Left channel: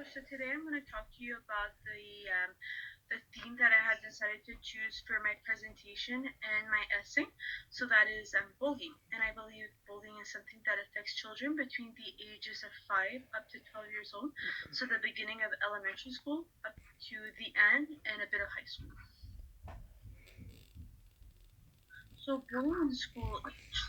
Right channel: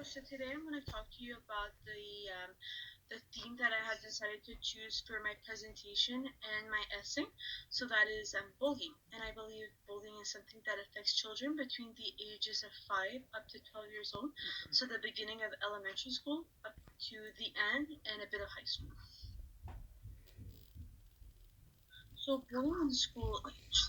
So today I'm going to talk to you about the theme that I had decided to choose for my presentation and my essay. So that is bullying, and I believe bullying is something that affects children between the ages of 5 up to 12 years old. So the beginning of elementary school up to the end, and a bit of high school. So bullying in school age.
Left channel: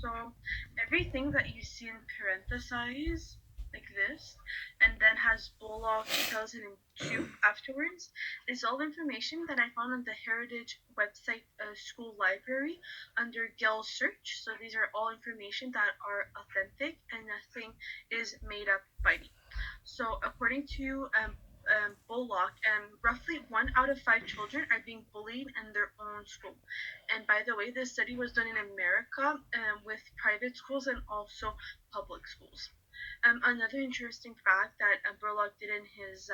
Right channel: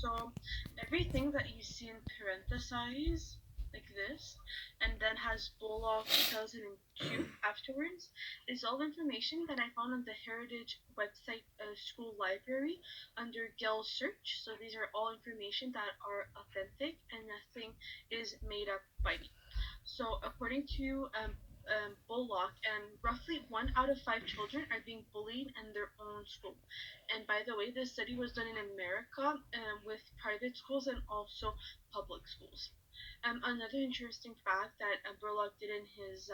So everything that you see in parentheses like this, and then has Bullock 2002 afterwards, is all information that I found on the Heritage website school library under Gale search. So these are all information that are authentic and nothing is made up by me. So according to Bullock, roughly 1 out of 5 children are being bullied in their own school. And by the way, this study was done in America with private schools and also public schools. Another interesting fact that Bullock did in his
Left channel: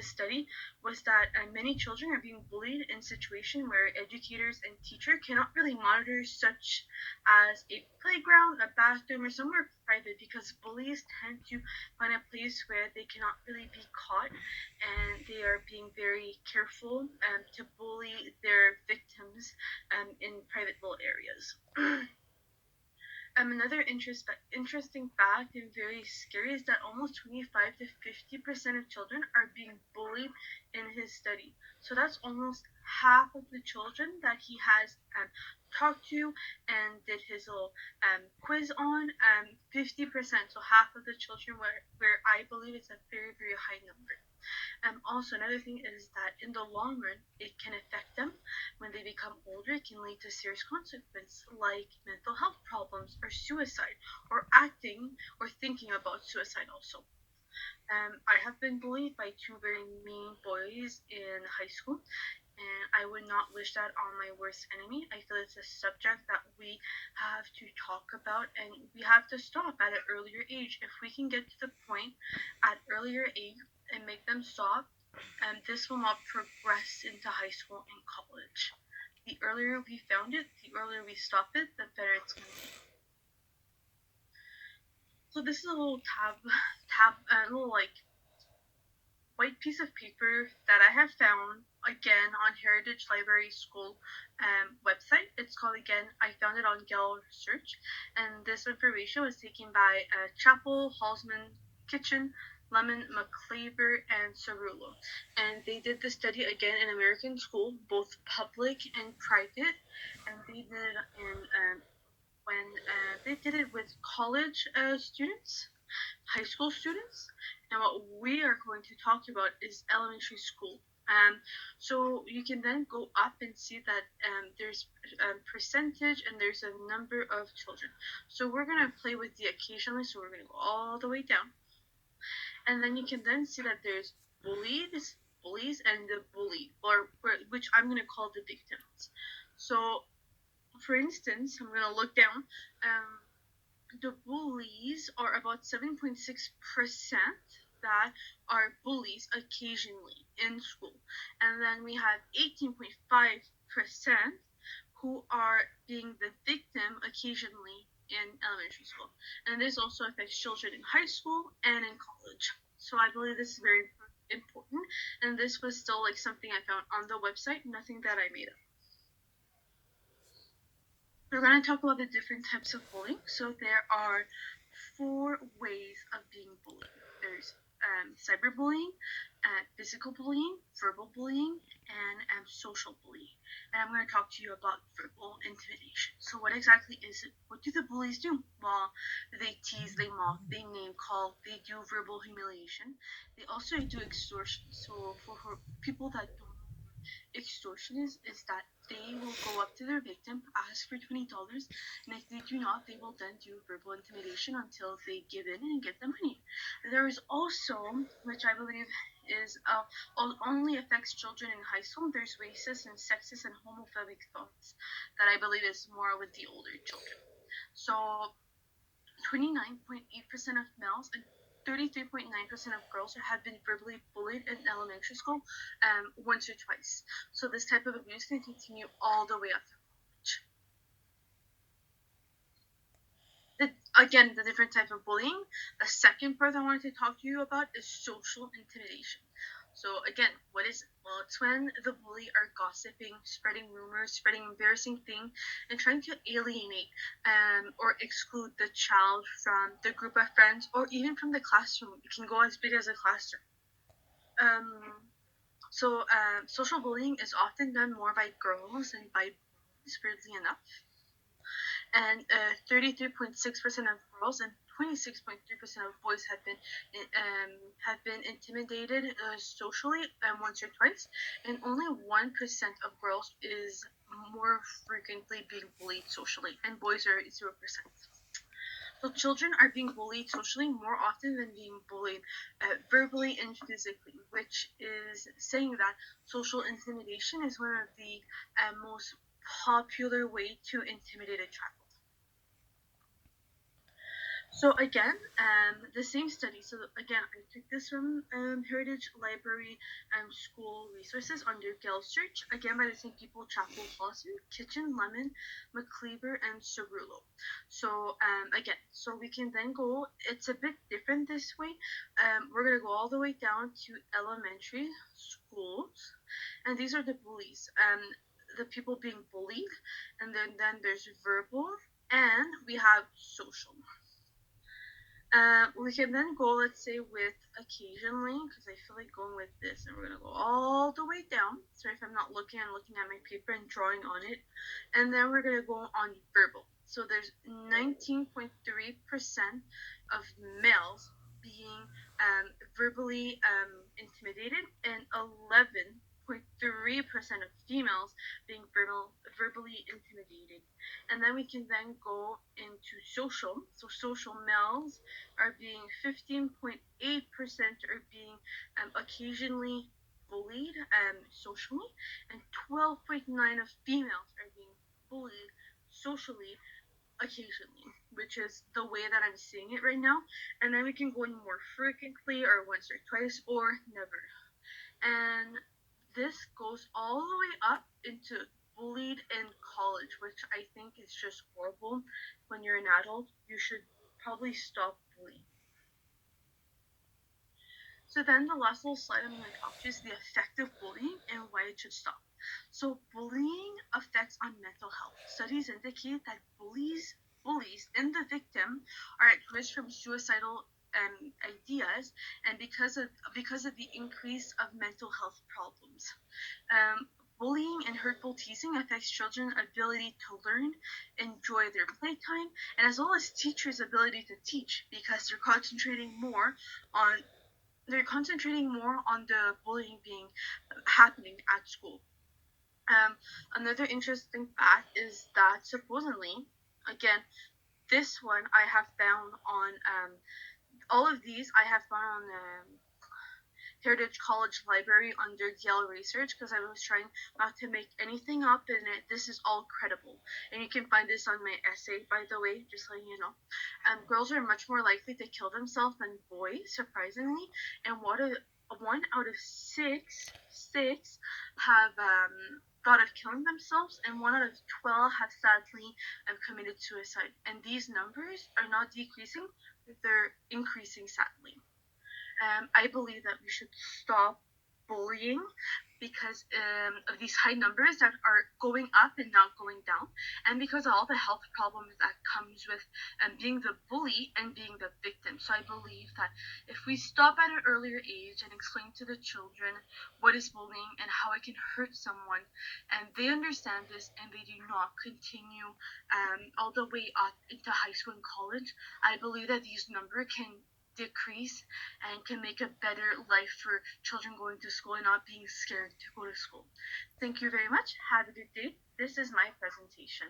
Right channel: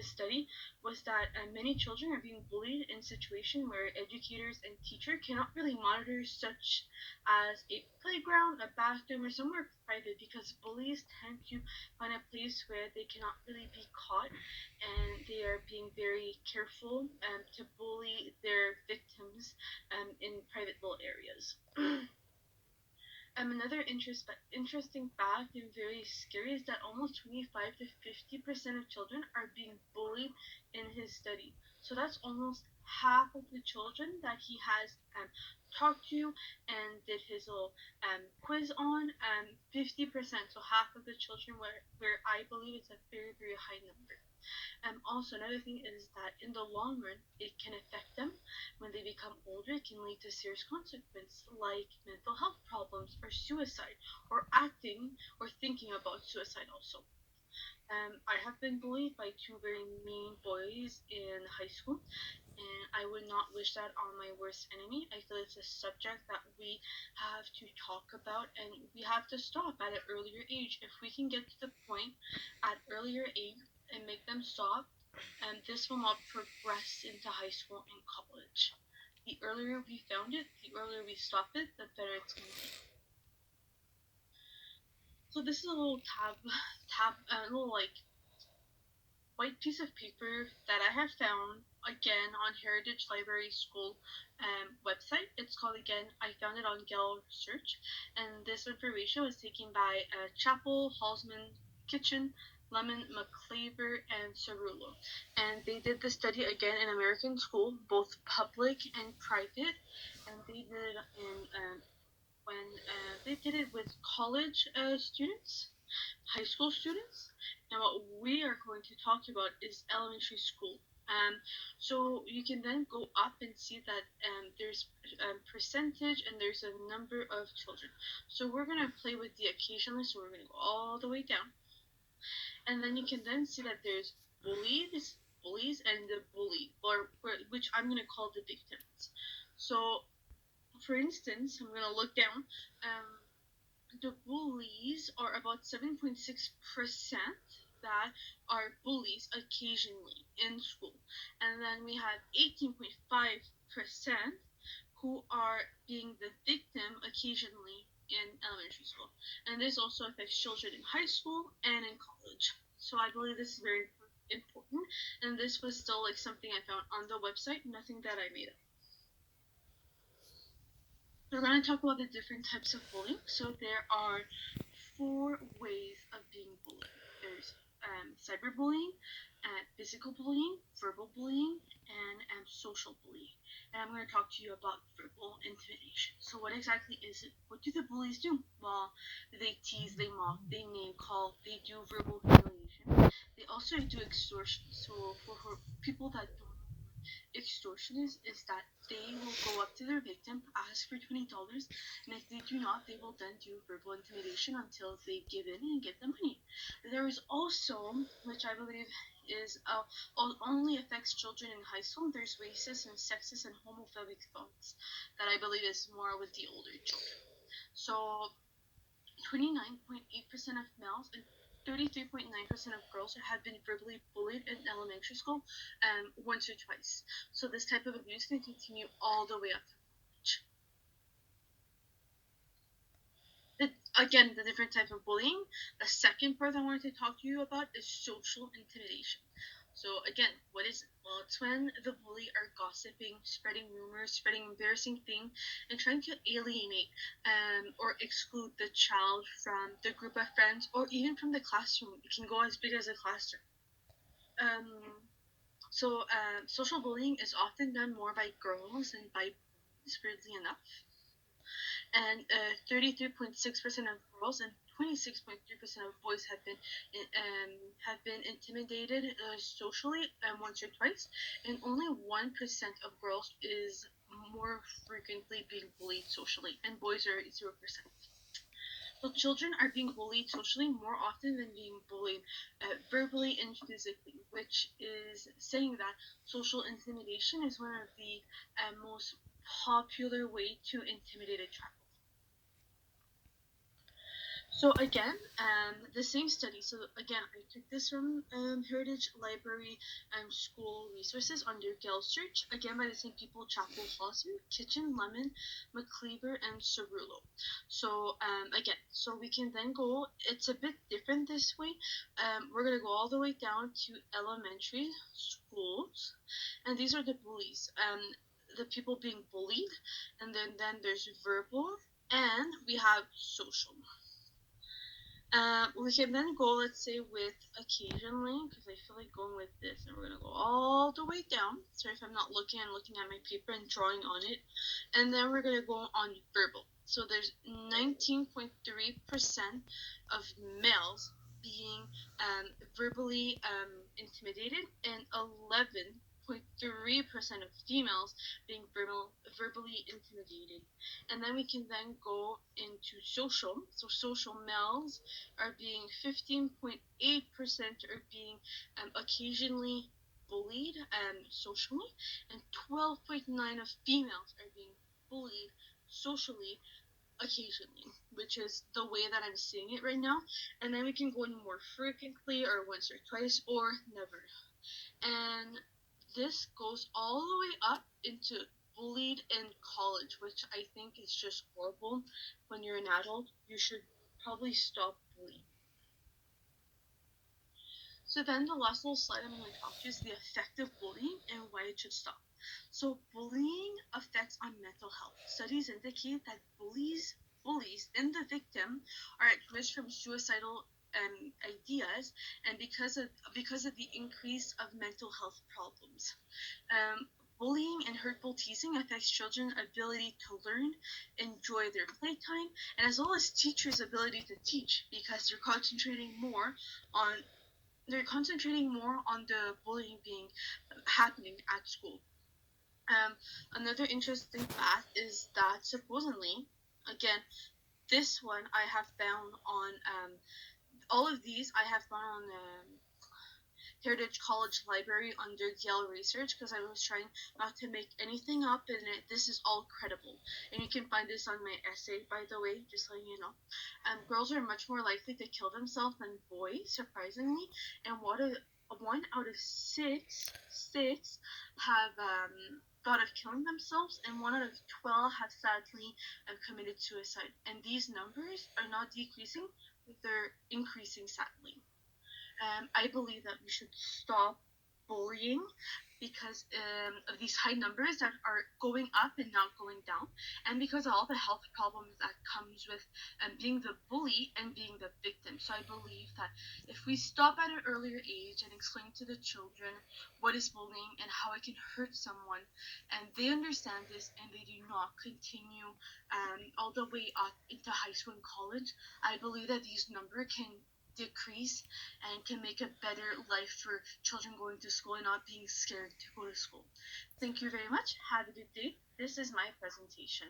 study was that many children are being bullied in situations where educators and teachers cannot really monitor, such as a playground, a bathroom, or somewhere private, because bullies tend to find a place where they cannot really be caught, and they are being very careful to bully their victims in private little areas. Another interesting fact and very scary is that almost 25 to 50% of children are being bullied in his study. So that's almost half of the children that he has talked to and did his little quiz on. 50%, so half of the children where I believe it's a very, very high number. Also, another thing is that in the long run, it can affect them when they become older. It can lead to serious consequences like mental health problems or suicide, or acting or thinking about suicide also. I have been bullied by two very mean boys in high school, and I would not wish that on my worst enemy. I feel it's a subject that we have to talk about, and we have to stop at an earlier age. If we can get to the point at earlier age and make them stop, and this will not progress into high school and college. The earlier we found it, the earlier we stop it, the better it's going to be. So this is a little a little like white piece of paper that I have found again on Heritage Library School website. It's called again, I found it on Gale Search, and this information was taken by Chapel, Halsman, Kitchen, Lemon, McClaver, and Cerullo. And they did the study again in American school, both public and private, and they did it in when they did it with college students, high school students, and what we are going to talk about is elementary school. So you can then go up and see that there's percentage and there's a number of children. So we're gonna play with the occasionally. So we're gonna go all the way down, and then you can then see that there's bullies, and the bully, or which I'm gonna call the victims. So for instance, I'm gonna look down. The bullies are about 7.6% that are bullies occasionally in school. And then we have 18.5% who are being the victim occasionally in elementary school. And this also affects children in high school and in college. So I believe this is very important. And this was still like something I found on the website, nothing that I made up. We're going to talk about the different types of bullying. So there are 4 ways of being bullied. There's cyberbullying, physical bullying, verbal bullying, and social bullying. And I'm going to talk to you about verbal intimidation. So what exactly is it? What do the bullies do? Well, they tease, they mock, they name call, they do verbal humiliation. They also do extortion. So for people that don't, extortion is that they will go up to their victim, ask for $20, and if they do not, they will then do verbal intimidation until they give in and get the money. There is also, which I believe is only affects children in high school, there's racist and sexist and homophobic thoughts that I believe is more with the older children. So 29.8% of males and 33.9% of girls have been verbally bullied in elementary school once or twice. So this type of abuse can continue all the way up to college. Again, the different type of bullying. The second part I wanted to talk to you about is social intimidation. So again, what is it? Well, it's when the bully are gossiping, spreading rumors, spreading embarrassing things, and trying to alienate or exclude the child from the group of friends or even from the classroom. It can go as big as a classroom. Um, Social bullying is often done more by girls than by boys, weirdly enough, and 33.6% of girls and 26.3% of boys have been intimidated socially once or twice, and only 1% of girls is more frequently being bullied socially, and boys are 0%. So children are being bullied socially more often than being bullied verbally and physically, which is saying that social intimidation is one of the most popular way to intimidate a child. So again, the same study. So again, I took this from Heritage Library School Resources under Gale Search. Again, by the same people: Chapel Foster, Kitchen, Lemon, McCleaver, and Cerullo. So again, so we can then go. It's a bit different this way. We're gonna go all the way down to elementary schools, and these are the bullies. The people being bullied, and then there's verbal, and we have social. We can then go, let's say, with occasionally, because I feel like going with this, and we're gonna go all the way down. Sorry if I'm not looking, I'm looking at my paper and drawing on it. And then we're gonna go on verbal. So there's 19.3% of males being verbally intimidated, and 11.3% of females being verbally intimidated. And then we can then go into social. So social males are being 15.8% are being occasionally bullied socially, and 12.9 of females are being bullied socially occasionally, which is the way that I'm seeing it right now. And then we can go in more frequently or once or twice or never. And this goes all the way up into bullied in college, which I think is just horrible. When you're an adult, you should probably stop bullying. So then the last little slide I'm going to talk to is the effect of bullying and why it should stop. So bullying affects on mental health. Studies indicate that bullies and the victim are at risk from suicidal ideas, and because of the increase of mental health problems. Um, Bullying and hurtful teasing affects children's ability to learn, enjoy their playtime, and as well as teachers' ability to teach because on they're concentrating more on the bullying being happening at school. Um, Another interesting fact is that supposedly, again, this one I have found on all of these I have found on Heritage College Library under Yale Research because I was trying not to make anything up, and this is all credible. And you can find this on my essay, by the way, just letting you know. Girls are much more likely to kill themselves than boys, surprisingly, and one out of six have thought of killing themselves, and 1 out of 12 have sadly committed suicide. And these numbers are not decreasing; they're increasing sadly. I believe that we should stop bullying because of these high numbers that are going up and not going down, and because of all the health problems that comes with being the bully and being the victim. So I believe that if we stop at an earlier age and explain to the children what is bullying and how it can hurt someone, and they understand this and they do not continue all the way up into high school and college, I believe that these numbers can decrease and can make a better life for children going to school and not being scared to go to school. Thank you very much. Have a good day. This is my presentation.